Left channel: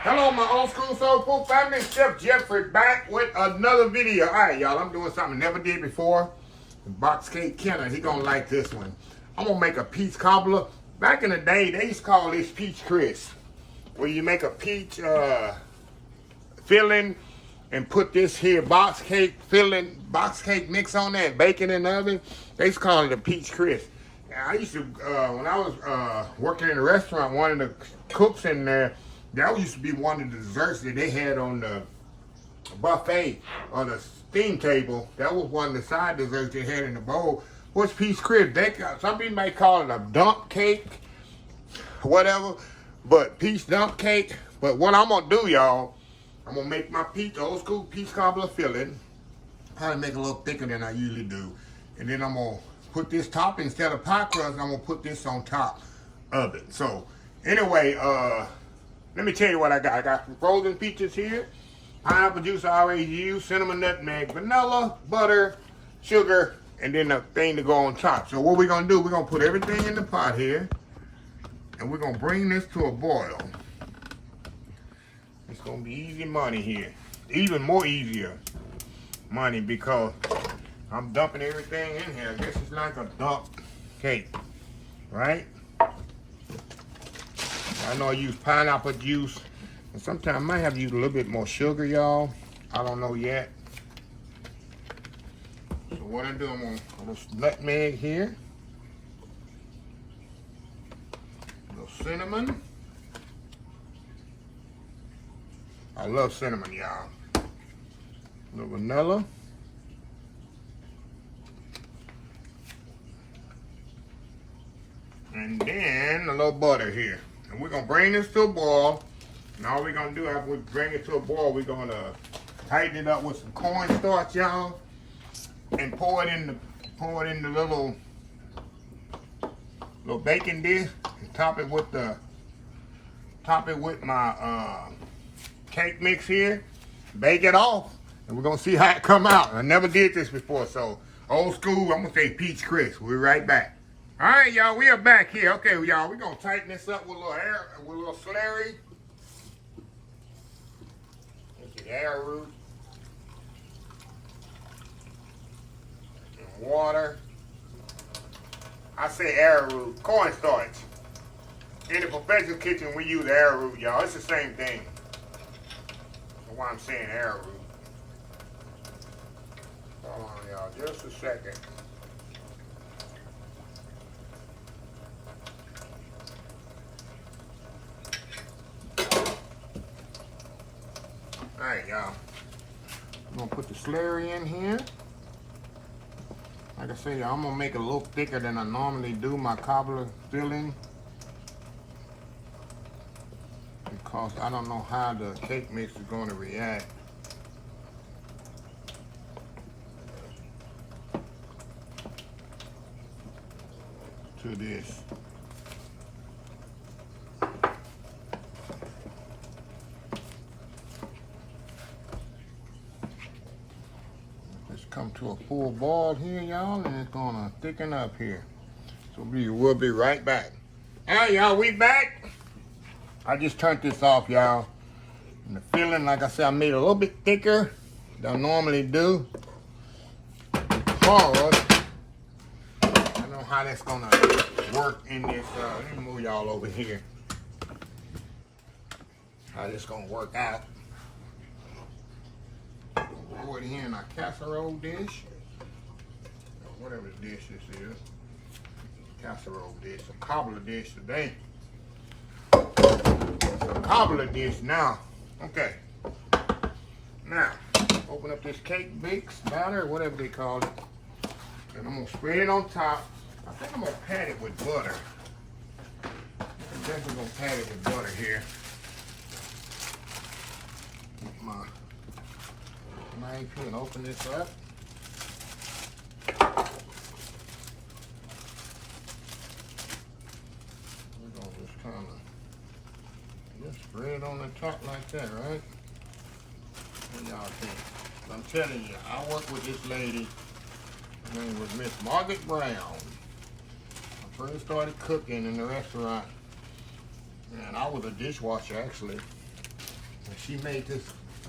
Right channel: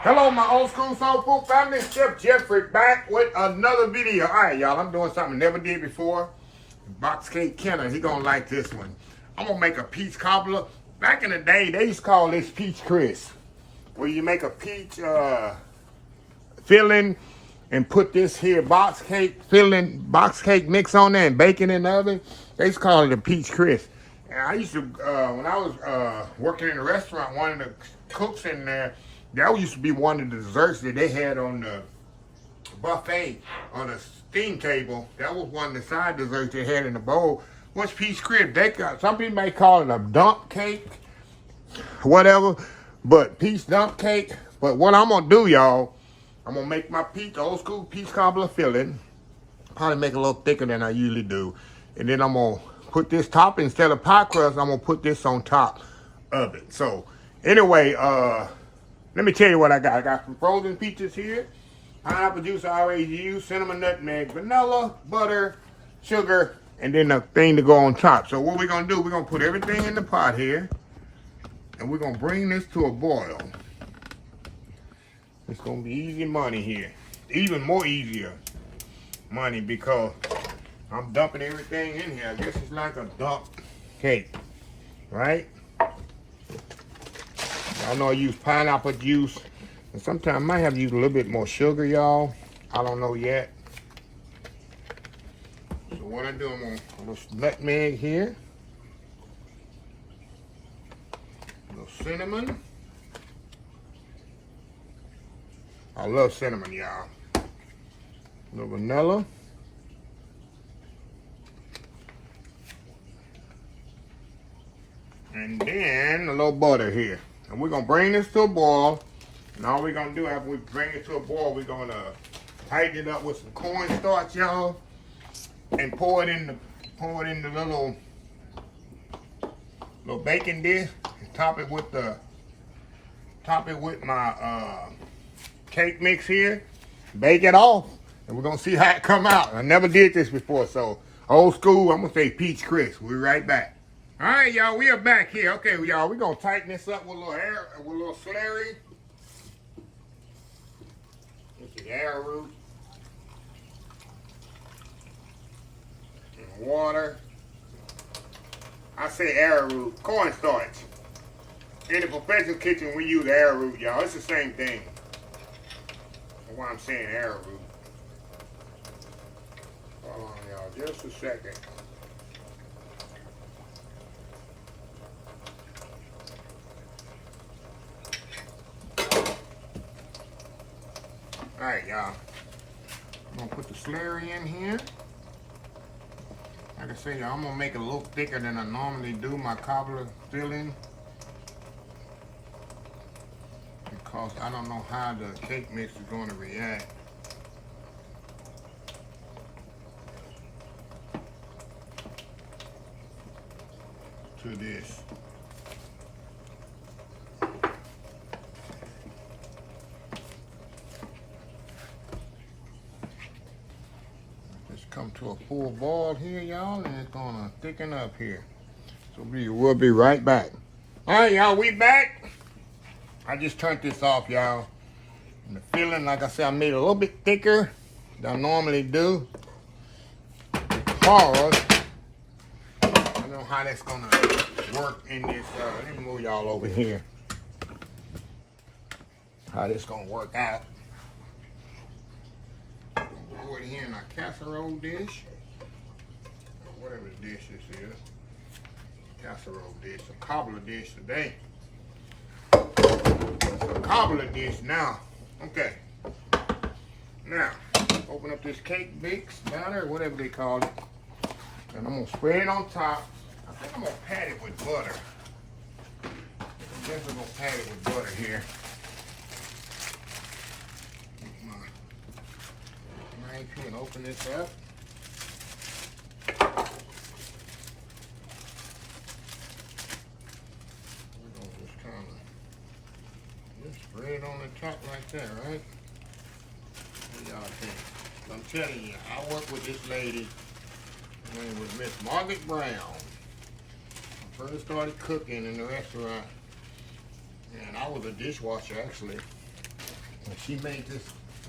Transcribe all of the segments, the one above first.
Hello, my old school soul food family. Chef Jeffrey back with another video. All right, y'all, I'm doing something I never did before. Box cake Kenner, he gonna like this one. I'm gonna make a peach cobbler. Back in the day, they used to call this peach crisp, where you make a peach filling and put this here box cake filling, box cake mix on there and bake it in the oven. They used to call it a peach crisp. And I used to, when I was working in a restaurant, one of the cooks in there, that used to be one of the desserts that they had on the buffet on the steam table. That was one of the side desserts they had in the bowl. Was peach crisp. They got, some people may call it a dump cake, whatever, but peach dump cake. But what I'm gonna do, y'all, I'm gonna make my peach, old school peach cobbler filling. Probably make it a little thicker than I usually do, and then I'm gonna put this top, instead of pie crust, I'm gonna put this on top of it. So anyway, let me tell you what I got. I got some frozen peaches here, pineapple juice I already used, cinnamon, nutmeg, vanilla, butter, sugar, and then the thing to go on top. So what we're gonna do, we're gonna put everything in the pot here, and we're gonna bring this to a boil. It's gonna be easy money here. Even more easier money because I'm dumping everything in here. I guess it's like a dump cake, right? I know I use pineapple juice, and sometimes I might have to use a little bit more sugar, y'all. I don't know yet. So what I do, I'm gonna put a little nutmeg here, a little cinnamon. I love cinnamon, y'all. A little vanilla. And then a little butter here. And we're gonna bring this to a boil. And all we're gonna do after we bring it to a boil, we're gonna tighten it up with some cornstarch, y'all, and pour it in the little baking dish, and top it with my cake mix here. Bake it off, and we're gonna see how it come out. I never did this before, so old school. I'm gonna say peach crisp. We'll be right back. All right, y'all, we are back here. Okay, y'all, we're gonna tighten this up with a little air, with a little slurry. This is arrowroot and water. I say arrowroot, cornstarch. In the professional kitchen, we use arrowroot, y'all. It's the same thing. That's why I'm saying arrowroot. Hold on, y'all, just a second. All right, y'all. I'm gonna put the slurry in here. Like I say, y'all, I'm gonna make it a little thicker than I normally do my cobbler filling, because I don't know how the cake mix is going to react to this. Let's come to a full boil here, y'all, and it's gonna thicken up here. So we'll be right back. All right, y'all, we back. I just turned this off, y'all. And the filling, like I said, I made it a little bit thicker than I normally do. Because I don't know how that's gonna work in this. Let me move y'all over here. How this gonna work out. Pour it in a casserole dish, or whatever dish this is. Casserole dish, a cobbler dish today. A cobbler dish now. Okay. Now, open up this cake mix batter, whatever they call it, and I'm gonna spread it on top. I think I'm gonna pat it with butter. I'm definitely gonna pat it with butter here. Get my knife here and open this up. We're gonna just kind of spread on the top like that, right? What y'all think? I'm telling you, I work with this lady. Her name was Miss Margaret Brown. I first started cooking in the restaurant, and I was a dishwasher actually. And she made this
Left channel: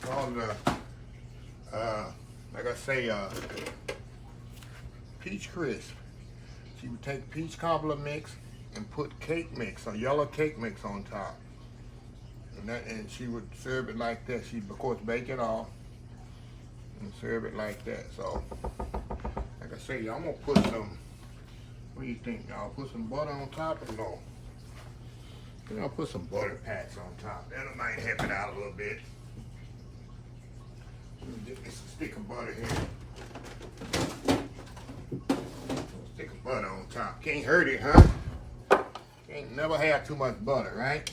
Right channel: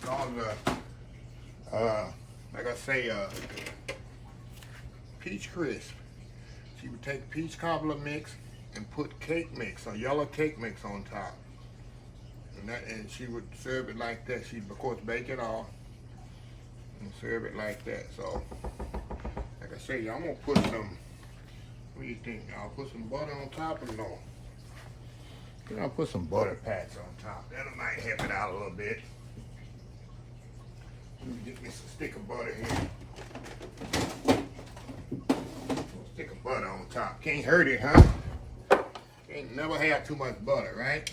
called like I say, peach crisp. She would take peach cobbler mix and put cake mix, or yellow cake mix on top. And she would serve it like that. She'd, of course, bake it off and serve it like that. So, like I say, I'm gonna put some, what do you think, y'all? Put some butter on top or no? Then I'll put some butter pats on top. That might help it out a little bit. Let me get me some stick of butter here. Stick of butter on top. Can't hurt it, huh? Can't never have too much butter, right?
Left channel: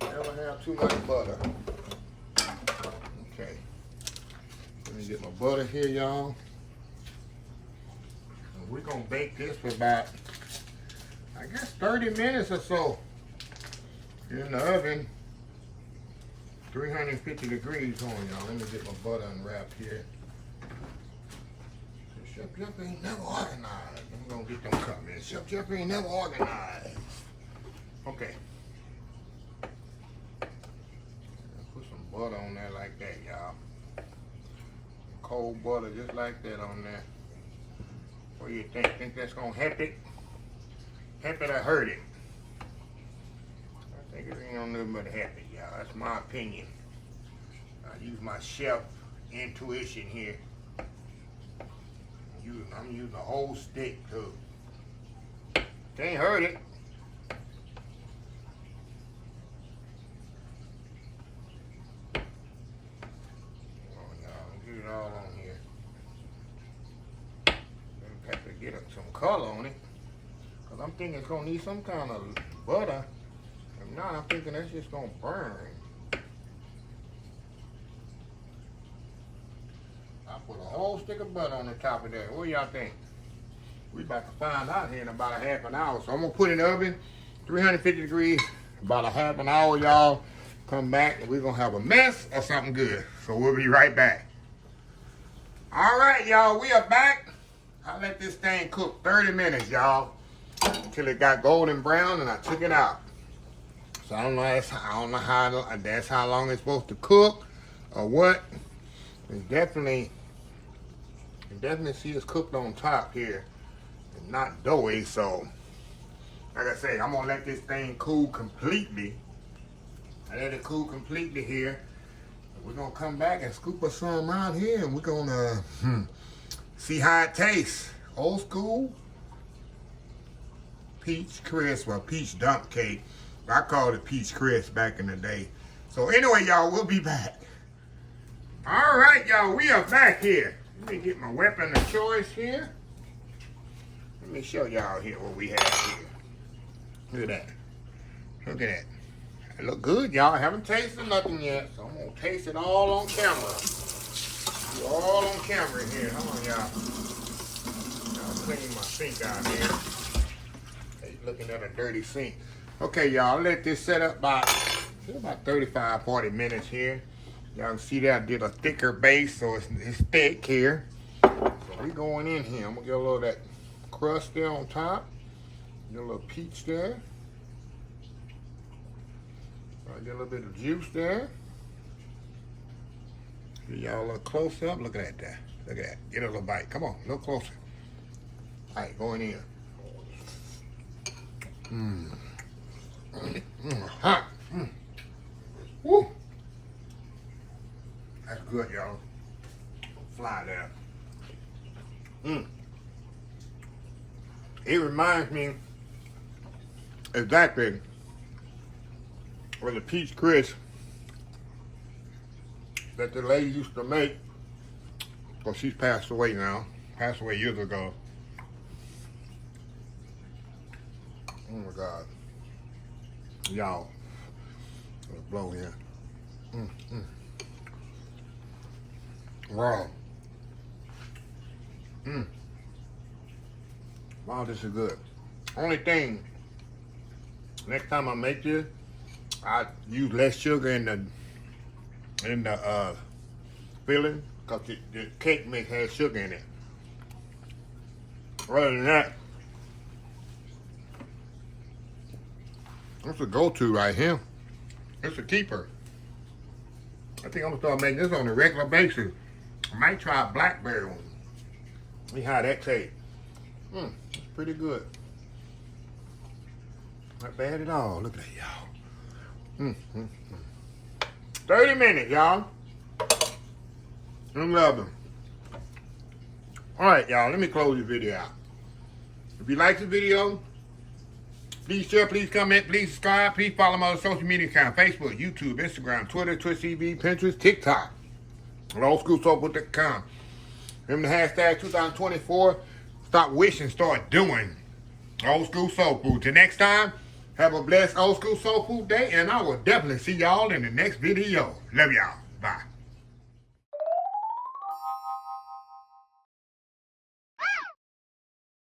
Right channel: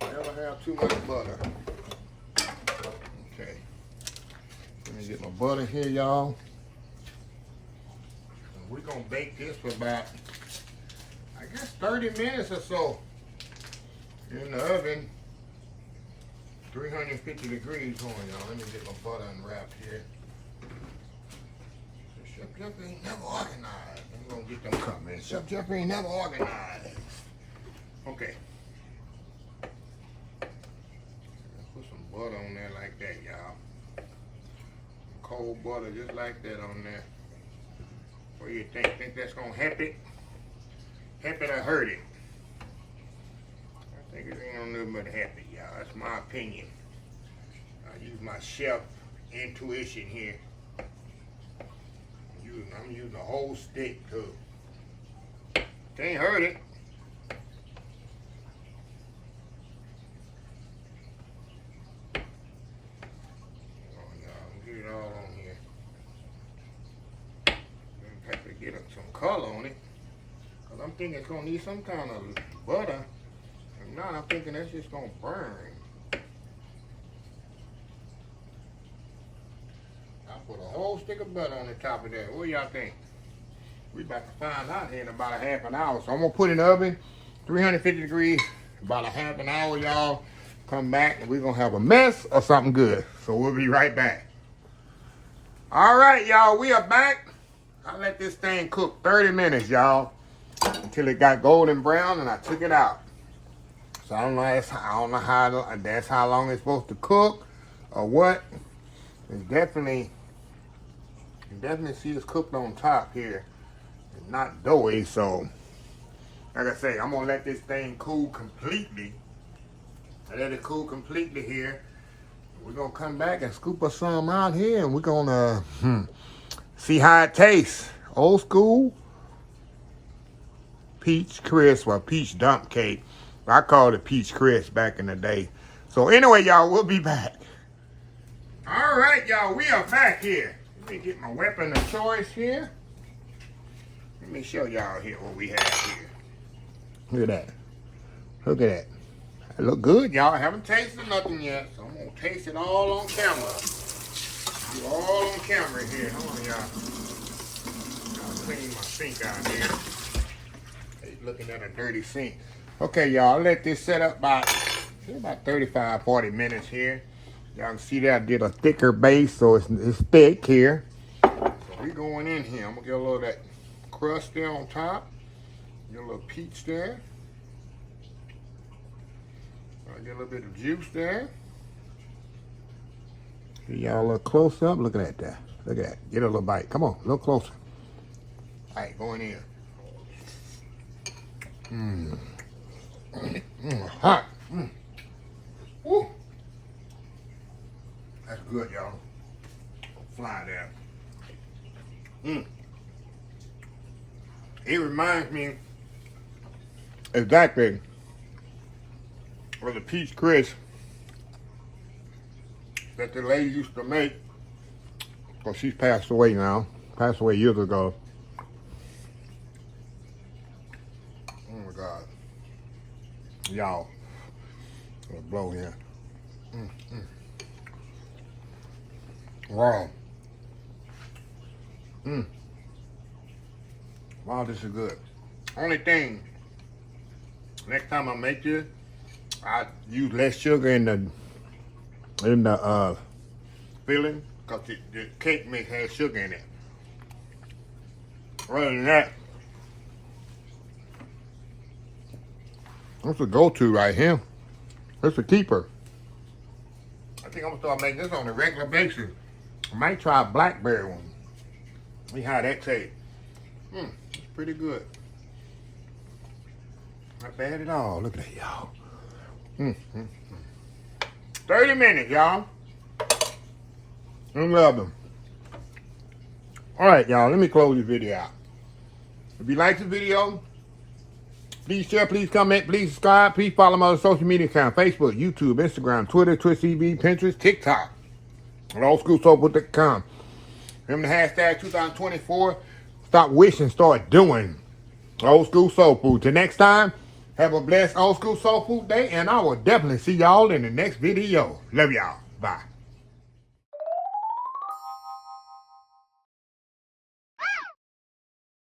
Never have too much butter. Okay. Let me get my butter here, y'all. We're gonna bake this for about, I guess, 30 minutes or so in the oven. 350 degrees on, y'all. Let me get my butter unwrapped here. Chef Jeff ain't never organized. I'm gonna get them coming. Chef Jeff ain't never organized. Okay. Put some butter on there like that, y'all. Cold butter just like that on there. What do you think? Think that's gonna help it? Help it or hurt it? I think it ain't gonna do but help it, y'all. That's my opinion. I use my chef intuition here. I'm using a whole stick too. Can't hurt it. Oh, y'all, get it all on here. Have to get some color on it, cause I'm thinking it's gonna need some kind of butter. If not, I'm thinking that's just gonna burn. I put a whole stick of butter on the top of that. What do y'all think? We about to find out here in about a half an hour. So I'm gonna put it in the oven, 350 degrees, about a half an hour, y'all. Come back and we're gonna have a mess or something good. So we'll be right back. All right, y'all, we are back. I let this thing cook 30 minutes, y'all, until it got golden brown, and I took it out. So I don't know how that's how long it's supposed to cook or what. It's definitely, you can definitely see it's cooked on top here. It's not doughy, so like I say, I'm gonna let this thing cool completely. I let it cool completely here. We're gonna come back and scoop us some out here, and we're gonna see how it tastes. Old school peach crisp or peach dump cake. I called it peach crisp back in the day. So anyway, y'all, we'll be back. All right, y'all, we are back here. Let me get my weapon of choice here. Let me show y'all here what we have here. Look at that. Look at that. It look good, y'all. I haven't tasted nothing yet, so I'm gonna taste it all on camera. Do all on camera here. Hold on, y'all. I'll clean my sink out here. Hey, looking at a dirty sink. Okay, y'all, let this set up about 35, 40 minutes here. Y'all can see that I did a thicker base, so it's thick here. So we going in here. I'm gonna get a little of that crust there on top. Get a little peach there. I'll get a little bit of juice there. Get y'all a little close up. Look at that. Look at that. Get a little bite. Come on, a little closer. All right, going in. Hot. Woo. That's good, y'all. Fly there. It reminds me exactly of the peach crisp that the lady used to make. Well, she's passed away now. Passed away years ago. Oh my God. Y'all. Let's blow here. Wow. Wow, this is good. Only thing, next time I make this, I use less sugar in the filling, because the cake mix has sugar in it. Other than that, it's a go-to right here. It's a keeper. I think I'm gonna start making this on a regular basis. I might try a blackberry one. See how that tastes. It's pretty good. Not bad at all. Look at that, y'all. 30 minutes, y'all. I'm loving. All right, y'all. Let me close this video out. If you like the video, please share, please comment, please subscribe. Please follow my social media account: Facebook, YouTube, Instagram, Twitter, Twitch TV, Pinterest, TikTok. And oldschoolsoulfood.com. Remember the hashtag 2024. Stop wishing, start doing. Old School Soul Food. Till next time, have a blessed Old School Soul Food day, and I will definitely see y'all in the next video. Love y'all. Bye.